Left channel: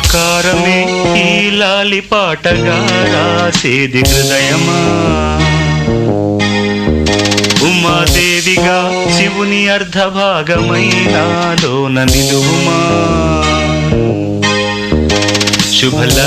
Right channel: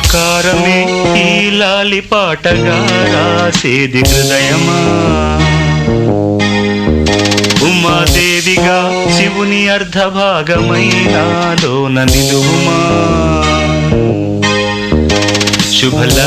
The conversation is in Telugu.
మమకారమే ఈ లాలి పాటగా రాసేది హృదయమా. ఉమాదేవిగా శివుని అర్ధభాగమైనాలోన నిలువుమా. శుభల